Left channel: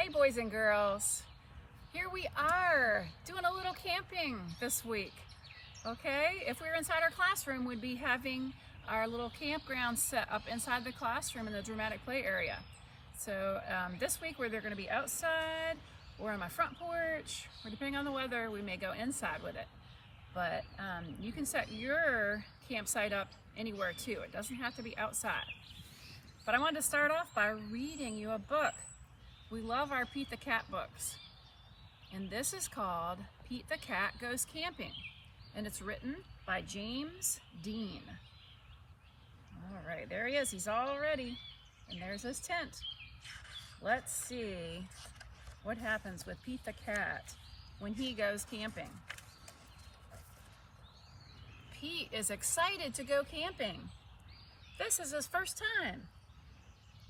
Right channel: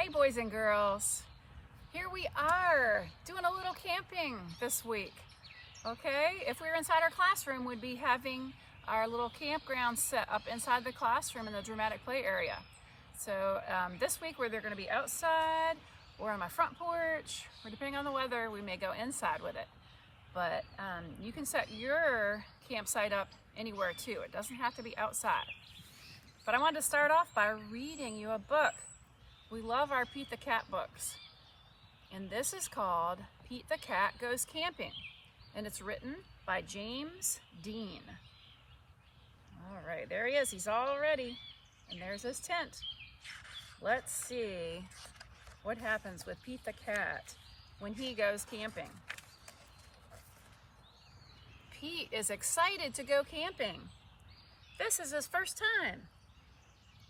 Hey boys and girls, here we are doing a little camping this week. Okay, if we were inside our classroom, we'd be having our little campground set up inside the classroom in the dramatic play area. So this week we're either going to be outside or on my front porch, or depending on the weather, we may go inside with it. But you can set your campsite up anywhere too. It doesn't have to be outside. But I wanted to start off by reading you a book. We love our Pete the Cat books. And this is called Pete the Cat Goes Camping. And it's written by James Dean. All right, there he is. He's all ready. And there's his tent. Let's see what happens with Pete the Cat when he goes camping. Pete is excited to go camping. This is his first time.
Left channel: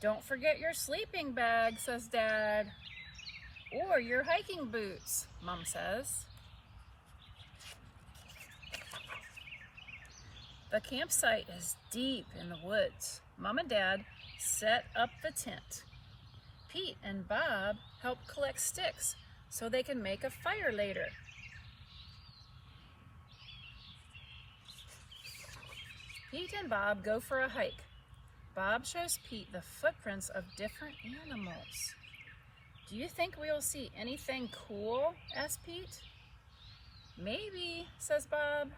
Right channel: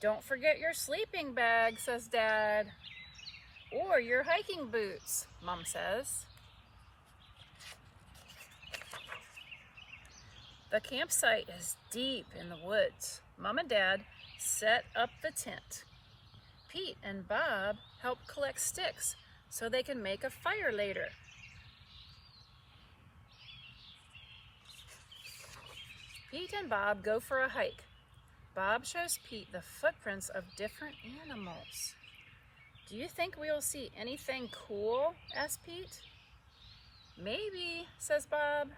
Don't forget your sleeping bag, says Dad. Or your hiking boots, Mom says. The campsite is deep in the woods. Mom and Dad set up the tent. Pete and Bob help collect sticks so they can make a fire later. Pete and Bob go for a hike. Bob shows Pete the footprints of different animals. Do you think we'll see anything cool? Asks Pete. Maybe, says Bob.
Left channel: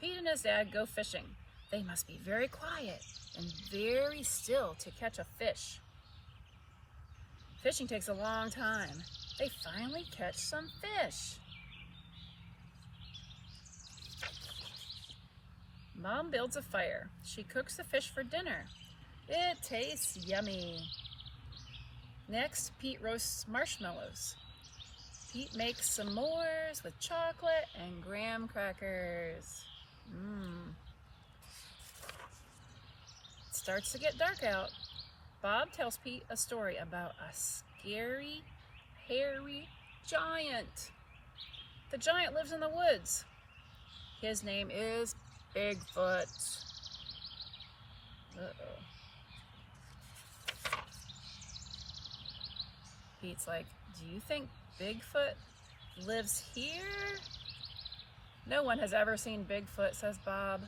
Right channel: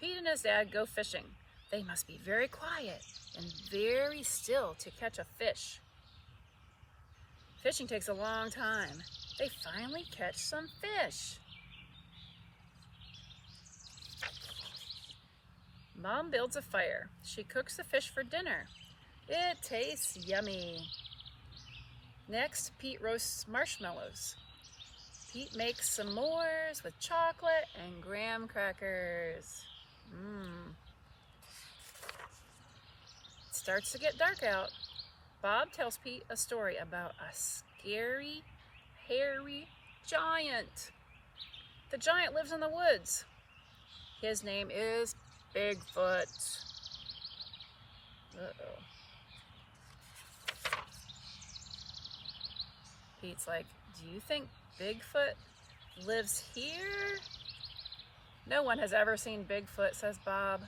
Pete and his dad go fishing. They must be very quiet and very still to catch a fish. Fishing takes a long time. They finally catch some fish. Mom builds a fire. She cooks the fish for dinner. It tastes yummy. Next, Pete roasts marshmallows. Pete makes s'mores with chocolate and graham crackers. It starts to get dark out. Bob tells Pete a story about a scary, hairy giant. The giant lives in the woods. His name is Bigfoot. Uh-oh. Pete's like, do you think Bigfoot lives here? No one has ever seen Bigfoot, says Bob.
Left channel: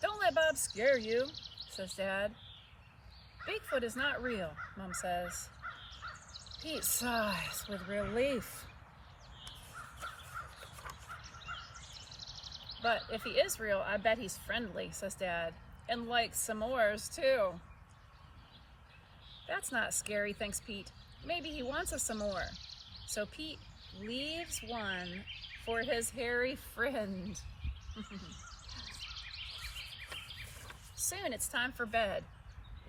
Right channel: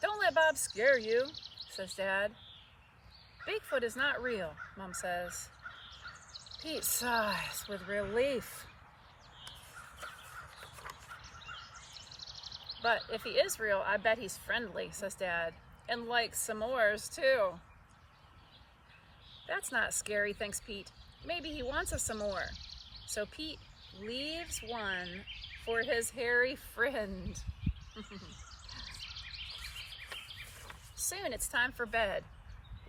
Don't let Bob scare you, says Dad. Bigfoot is not real, Mom says. Pete sighs with relief. But if he is real, I bet he's friendly, says Dad, and likes s'mores too. That's not scary, thinks Pete. Maybe he wants a s'more. So Pete leaves one for his hairy friend. Soon it's time for bed.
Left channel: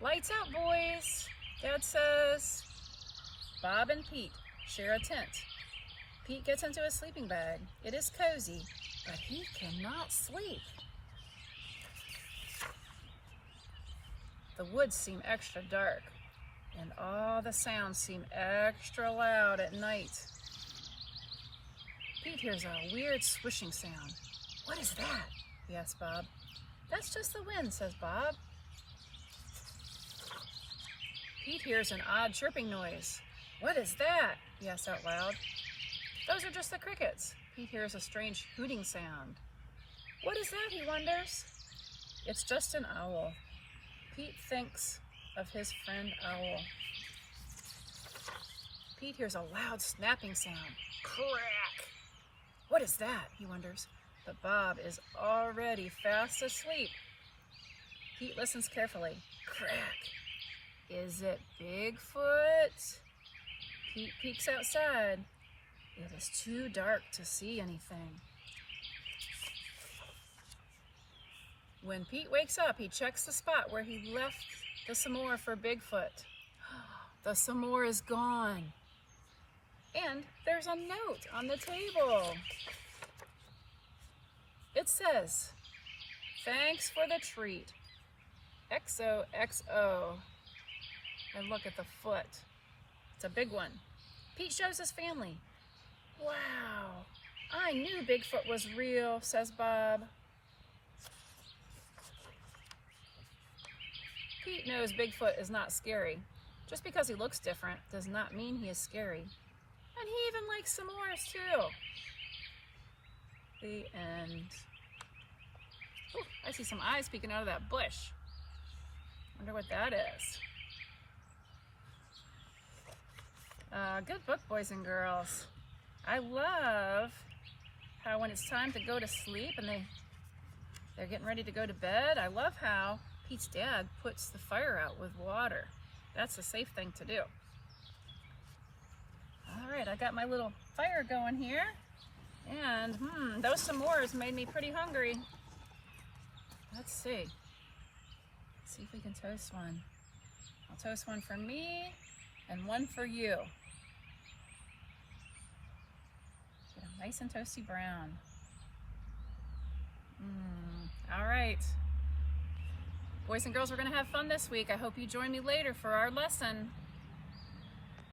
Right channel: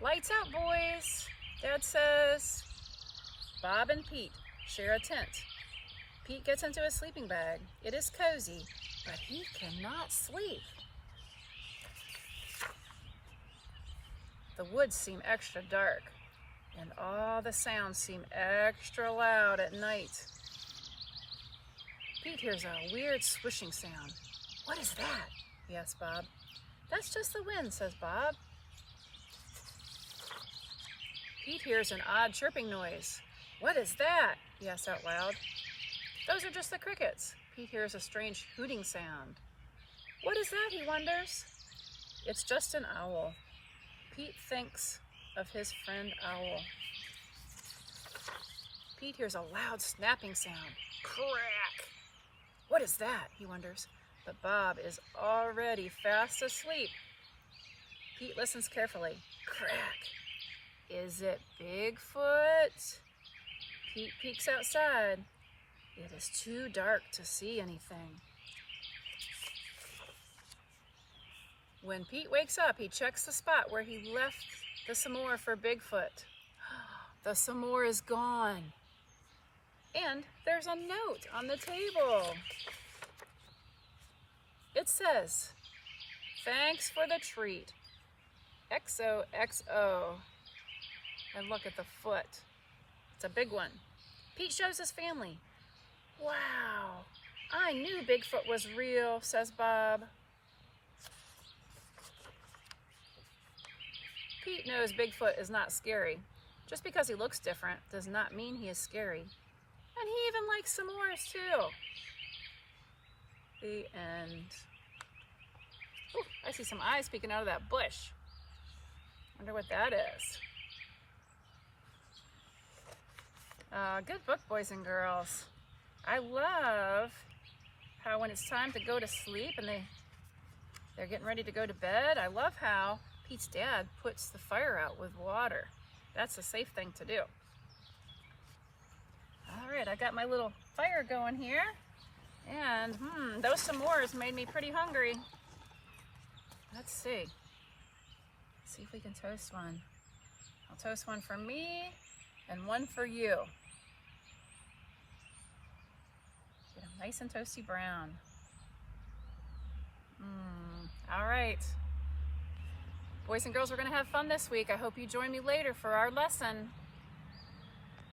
Lights out, boys, Dad says. Bob and Pete share a tent. Pete gets into his sleeping bag. It is cozy, but he cannot sleep. The woods seem extra dark, and all the sounds seem extra loud at night. Pete hears a weird swishing sound. What is that? He asks Bob. That's just the wind, says Bob. Pete hears an odd chirping noise. What is that? He asks out loud. Those are just the crickets. Pete hears a strange hooting sound. What is that, he wonders? It's just an owl. Pete thinks of his friend Owl. Pete hears a loud snapping sound. Crack! What is that, he wonders. But Bob is already fast asleep. Pete listens carefully. Crack! Is it Bigfoot? Pete peeks outside. It is too dark to see anything. When Pete wakes up, he checks the spot where he left the s'more for Bigfoot. The s'more is gone. And there's a note on the table. It says, thanks for the treat. XOXO. And look at the foot. It's a big one. Pete shows his family. Wow, I knew Bigfoot was real, says Bob. Pete knows Bigfoot is not scary. Just because he looks different does not mean he is scary. And he even likes s'mores too. The end. Ooh, I see some eyes peeking out of that bush. Wonder what that is. Good book, boys and girls. I love how when it's time to go to sleep and they're getting ready to go to bed, I love how Pete's dad puts the fire out with water. That's a safe thing to do. All right, I got my little fire going here. And those s'mores made me pretty hungry. Let's see. Let's see if we can toast one. I'll toast one for me and one for you. Get them nice and toasty brown. All right. Boys and girls, we're going to have fun this week. I hope you join me later for our lesson.